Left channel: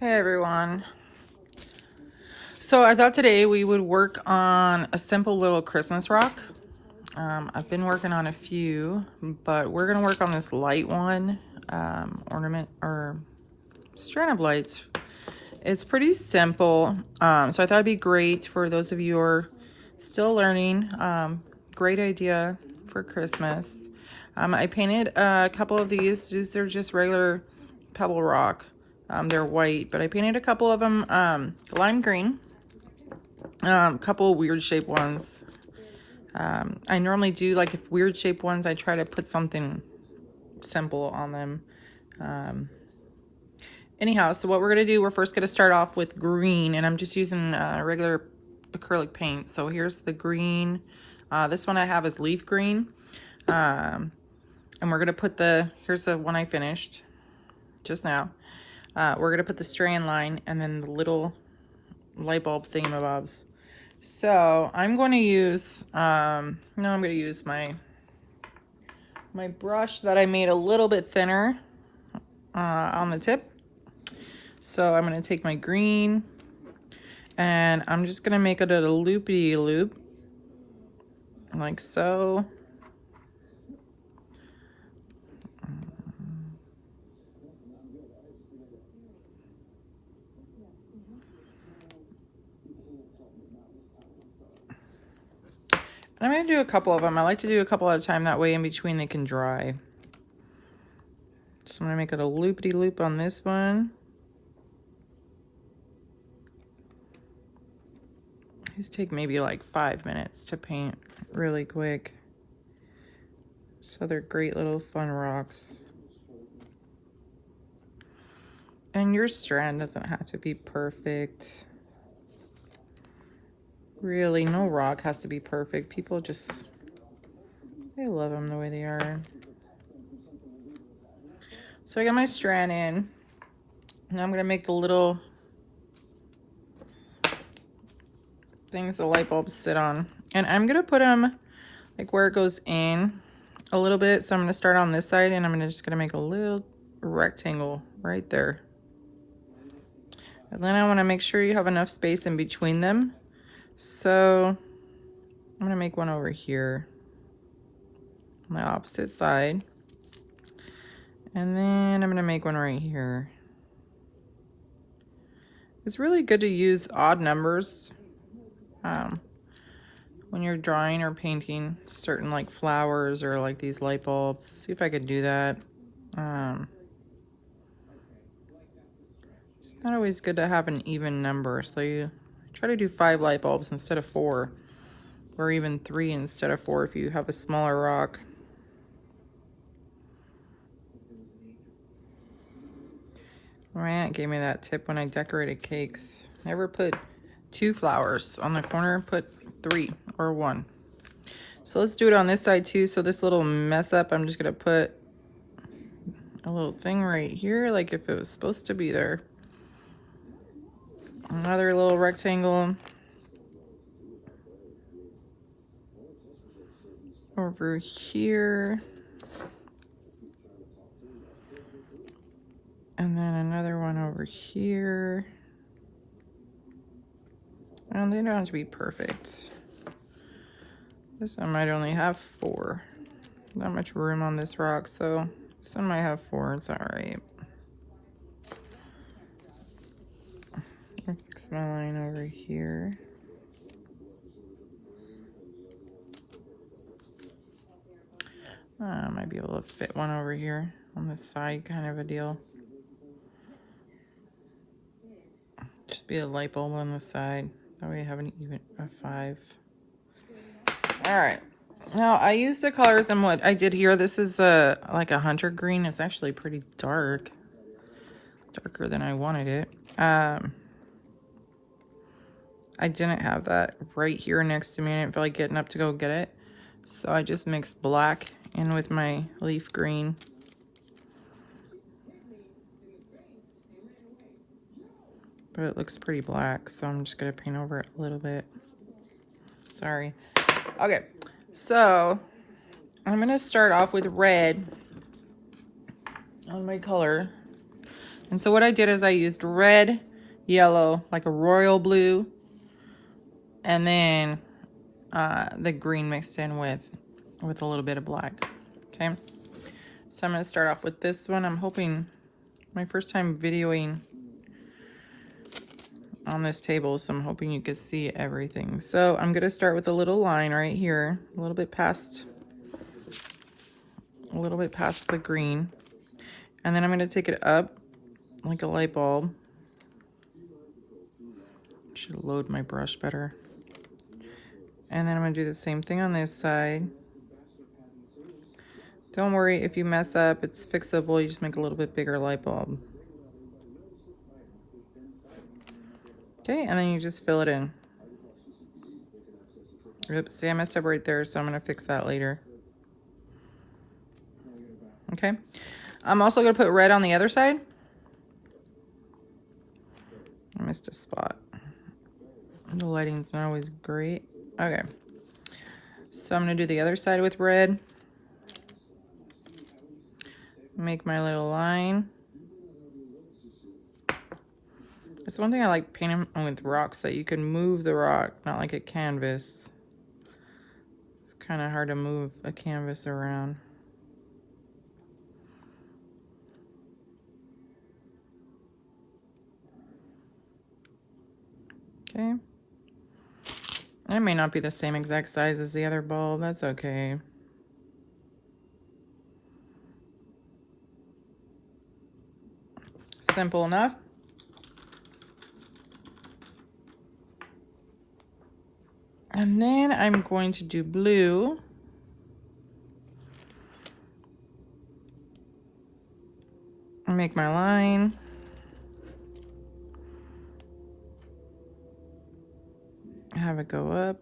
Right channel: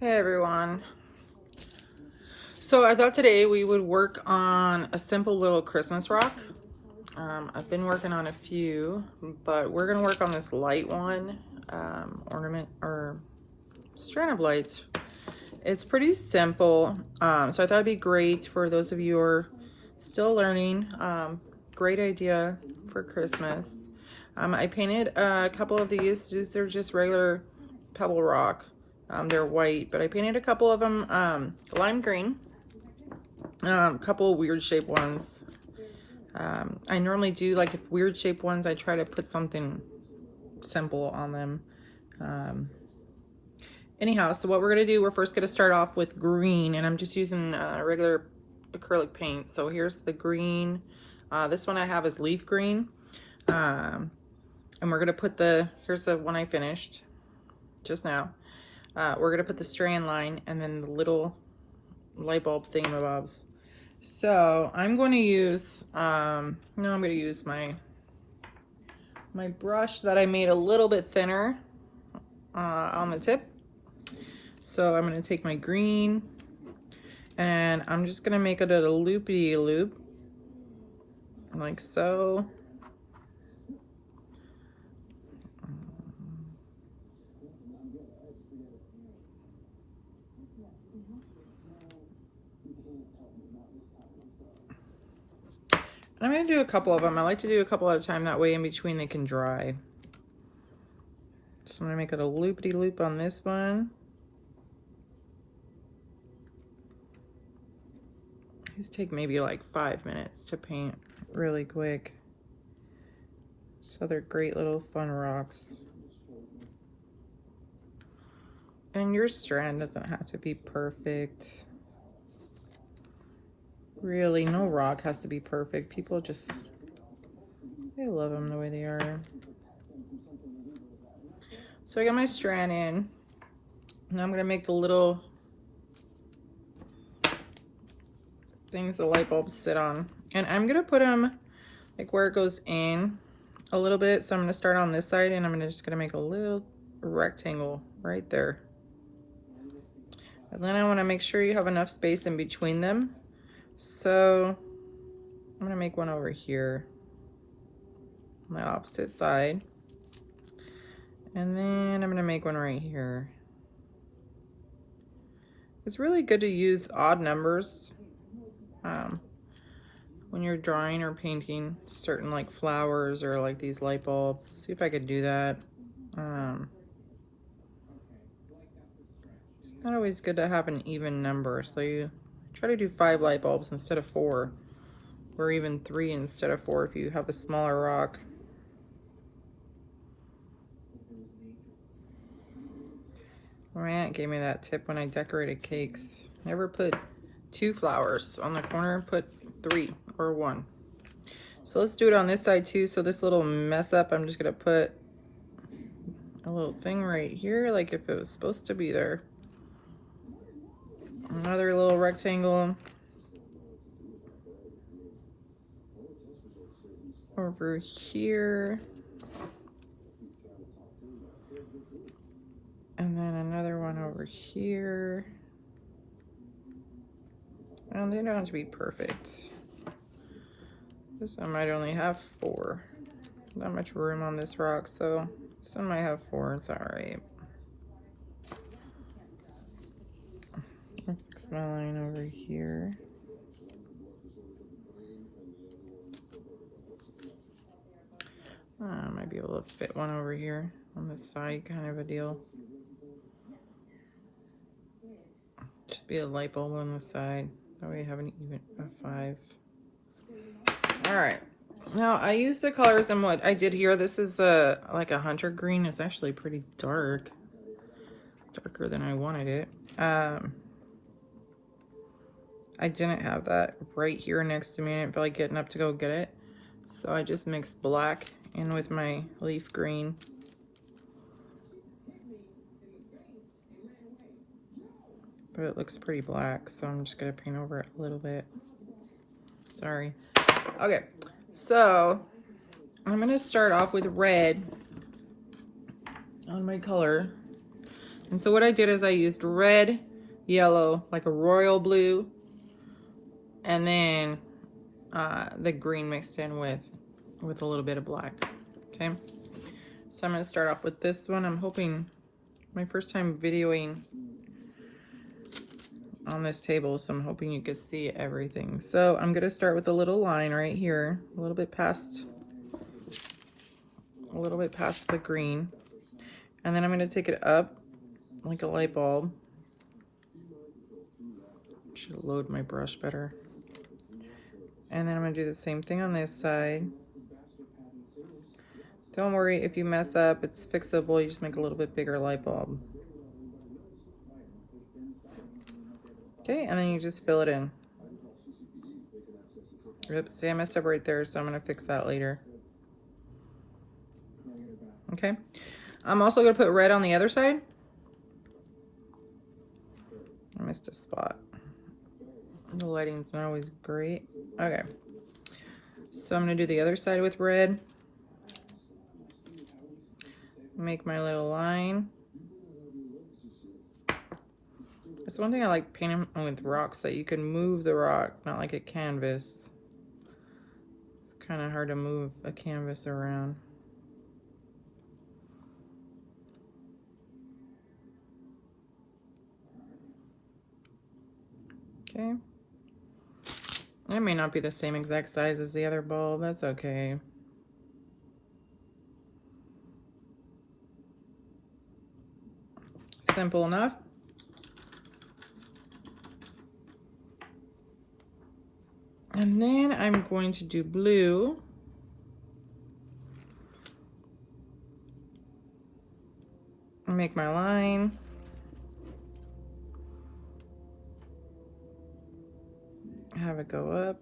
Hey everyone. So I thought today we would work on a simple little Christmas rock. I've been working on a few, but we're gonna work on this light one, ornament or strand of lights. It's pretty simple, so I thought it'd be great for those of you who are still learning. Great idea for Christmas. I painted a couple of these. These are just regular pebble rock. They're white, but I painted a couple of them lime green. A couple weird shaped ones. I normally do like weird shaped ones. I try to put something simple on them. Anyhow, so what we're gonna do, we're first gonna start off with green, and I'm just using regular acrylic paint. So here's the green. This one I have is leaf green. And we're gonna put here's the one I finished just now. We're gonna put the strand line and then the little light bulb thingamabobs. So I'm going to use, I'm gonna use my brush that I made a little bit thinner on the tip. So I'm gonna take my green and I'm just gonna make it a loopy-loop, like so. I'm gonna do a couple of them. I like to do a couple at a time, that way in between they can dry. So I'm gonna make it a loopity-loop on this one. These take maybe like 5 minutes to paint, really quick. So they're great little fun rocks. And your strand doesn't have to be perfect. Really, no rock has to be perfect. People just, they love them the way they are. So I got my strand in, and I'm gonna make the little things the light bulbs sit on. And I'm gonna put them like where it goes in a little bit. So I'm gonna start on this side, and I'm just gonna make a little rectangle right there. And then I wanna make sure you have enough space in between them. So I'm gonna make one over here on the opposite side. And then I'm gonna make one right here. It's really good to use odd numbers when you're drawing or painting certain like flowers or like these light bulbs. See if I could do that. It's not always good to have an even number, so you try to do 5 light bulbs instead of 4, or even 3 instead of 4 if you have a smaller rock. My aunt gave me that tip when I decorated cakes. Never put 2 flowers on the corner, put 3 or 1. So let's do it on this side too. So this little mess up, I'm just gonna put a little thing right here, like if it was supposed to be there. Another little rectangle over here. And then another one over here. Well, they don't have to be perfect. This one might only have 4. Not much room on this rock, so this one might have 4. It's all right. Fix my line over here. I might be able to fit one over here on the side, kind of a deal. Just be a light bulb on the side. That way you have an even a 5. All right. Now I use the colors and what I did here. This is like a hunter green. It's actually pretty dark, darker than I wanted it. I didn't have that right here next to me. I didn't feel like getting up to go get it. So I just mixed black in with my leaf green. But it looks pretty black, so I'm just gonna paint over it a little bit. Sorry. Okay, so I'm gonna start off with red. on my color. And so what I did is I used red, yellow, like a royal blue, and then the green mixed in with a little bit of black. Okay, so I'm going to start off with this one. I'm hoping, my first time videoing on this table, so I'm hoping you can see everything. So I'm going to start with a little line right here, a little bit past the green, and then I'm going to take it up like a light bulb. Should load my brush better. And then I'm going to do the same thing on this side. Don't worry if you mess up, it's fixable. You just make a little bit bigger light bulb. Okay, and then you just fill it in. Oops, see, I messed up right there, so I'm going to fix that later. Okay, I'm also going to put red on the other side. I missed a spot. The lighting's not always great. Okay, so I'm going to do the other side with red. Make my little line. It's one thing I like painting with rocks, that you can move the rock, not like a canvas. It's kind of hard to move a canvas around. Okay. It may not be the same exact size as the other bulb, that's okay. Simple enough. And then I'm going to do blue. I make my line. Have it go up.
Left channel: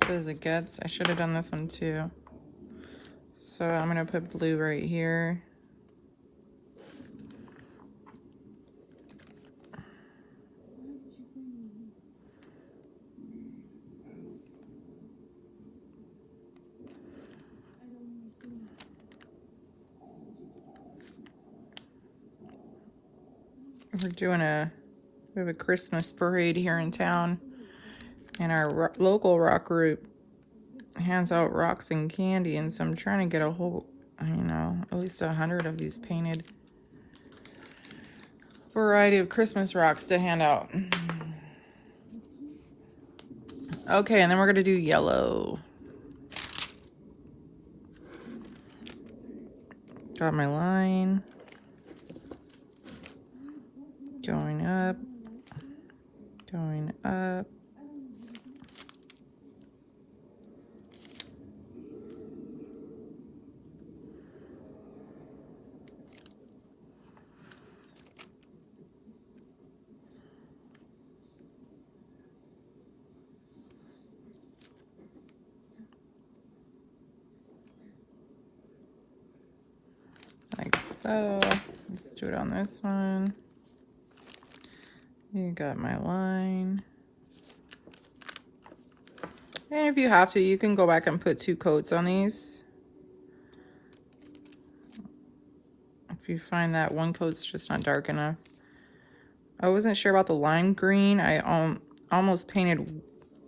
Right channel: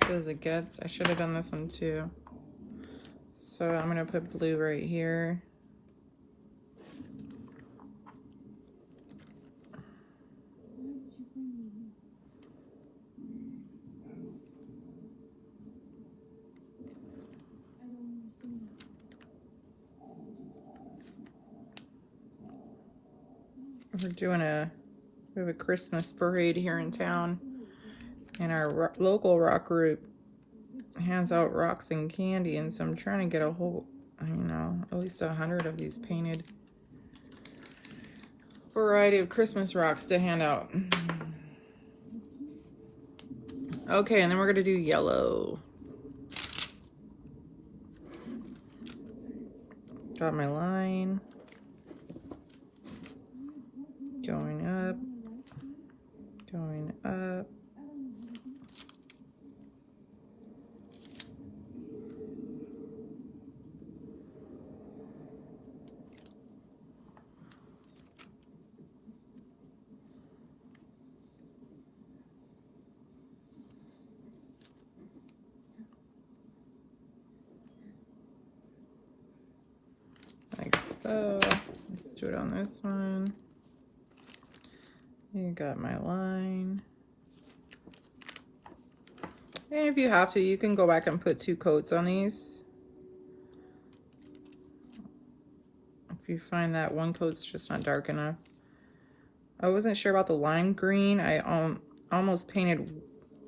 Good as it gets. I should have done this one too. So I'm gonna put blue right here. We have a Christmas parade here in town, and our local rock group hands out rocks and candy, and so I'm trying to get a whole, you know, at least 100 of these painted variety of Christmas rocks to hand out. Okay, and then we're gonna do yellow. Got my line. Going up. Going up. Like so. Let's do it on this one. You got my line. And if you have to, you can go back and put 2 coats on these. If you find that one coat's just not dark enough. I wasn't sure about the lime green. I almost painted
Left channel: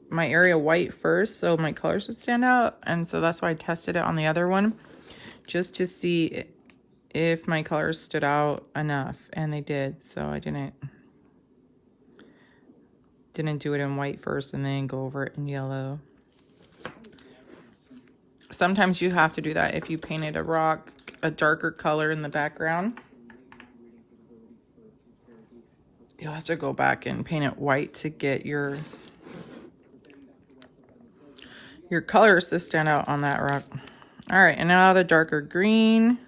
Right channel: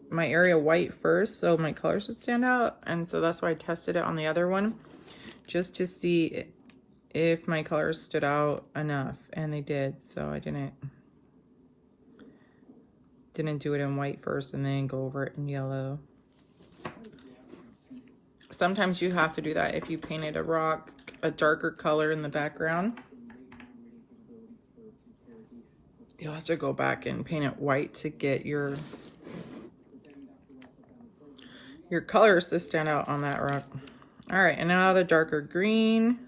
my area white first so my colors would stand out. And so that's why I tested it on the other one, just to see if my colors stood out enough. And they did, so I didn't do it in white first and then go over it in yellow. Sometimes you have to do that if you painted a rock a darker color in the background. You'll have to go back and paint it white to get your colors to stand out on that rock. All right, and now the darker green.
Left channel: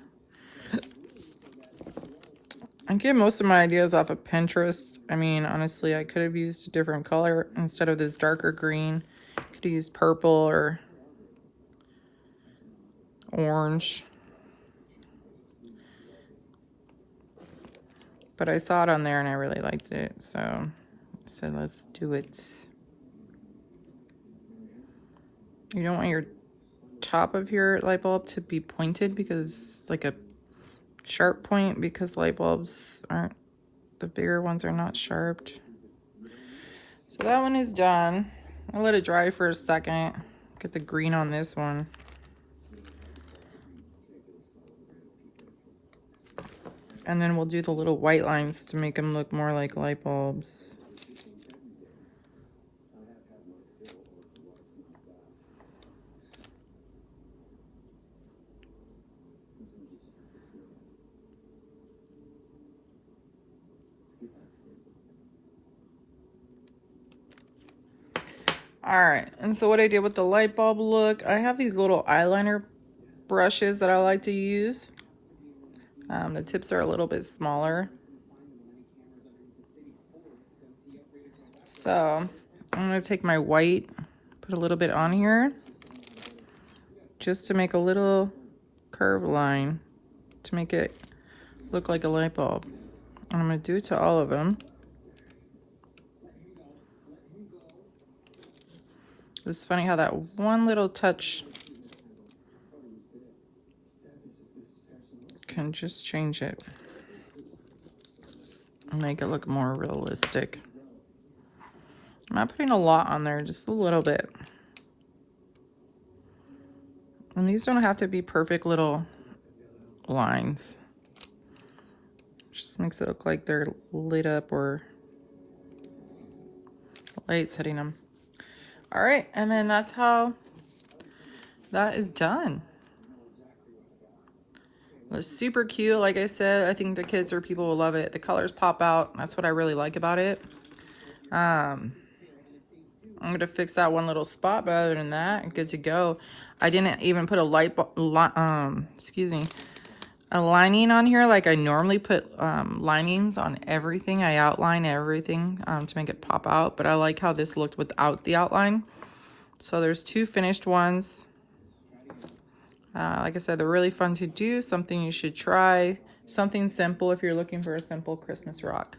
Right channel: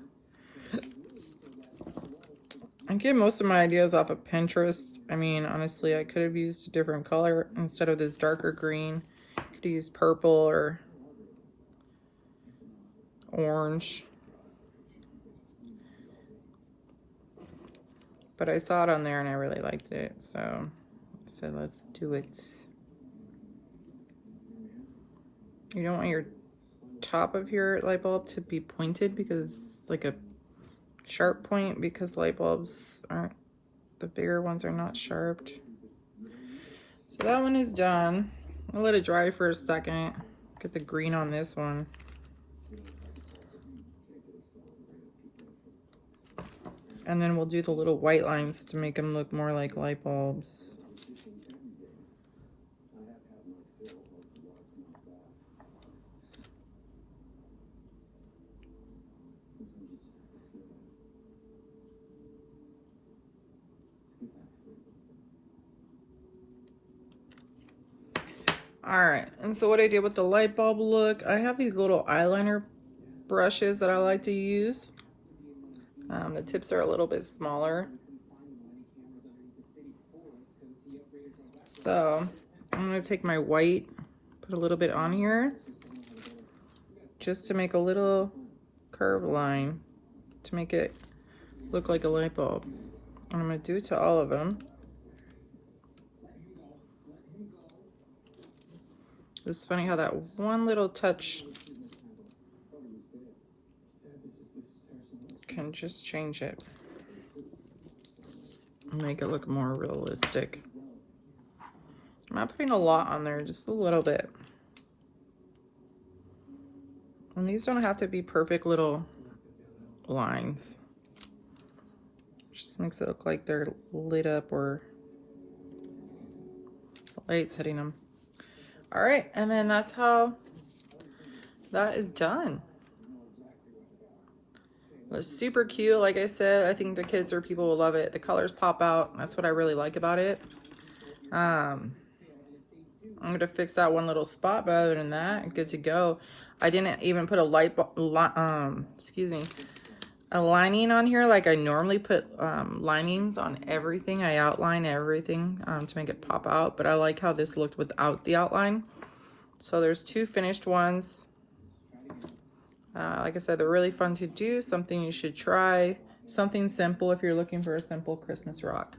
I get most of my ideas off of Pinterest. I mean, honestly, I could have used a different color instead of this darker green. Could have used purple or orange. but I saw it on there and I really liked it, so let's do it. You don't want your top of your light bulb to be pointed, because like a sharp point, because light bulbs aren't, the bigger ones are not sharped. So that one is done. I'll let it dry for a second. Get the green on this one. And then we'll do the little white lines to make them look more like light bulbs. Alright, and so what I did with the light bulb look, I have these little eyeliner brushes that I like to use. The tips are a little bit smaller. So I'm going to take my white, put a little bit on here, just to make a little curve line to make it look like a light bulb. And I'm going to do it to all of them. It's funny how that one little touch can just change it and make it look more realistic. I'm not putting a lot on there, just a little bit. And these don't have to be perfect little lines. Just makes it look like they're lit up or light's hitting them. All right, and then that's how that is done. It was super cute. Like I said, I think the kids or people will love it. The colors pop out. That's what I really like about it. I'm gonna fix that one little spot, but other than that, good to go. I didn't even put a a lining on here like I normally put linings on everything. I outline everything to make it pop out, but I like how this looked without the outline. So there's two finished ones. Like I said, they're really fun to do, something you should try, something simple if you're looking for a simple Christmas rock.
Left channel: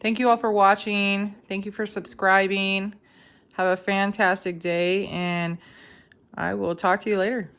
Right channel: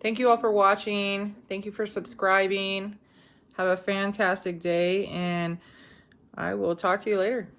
Thank you all for watching. Thank you for subscribing. Have a fantastic day, and I will talk to you later.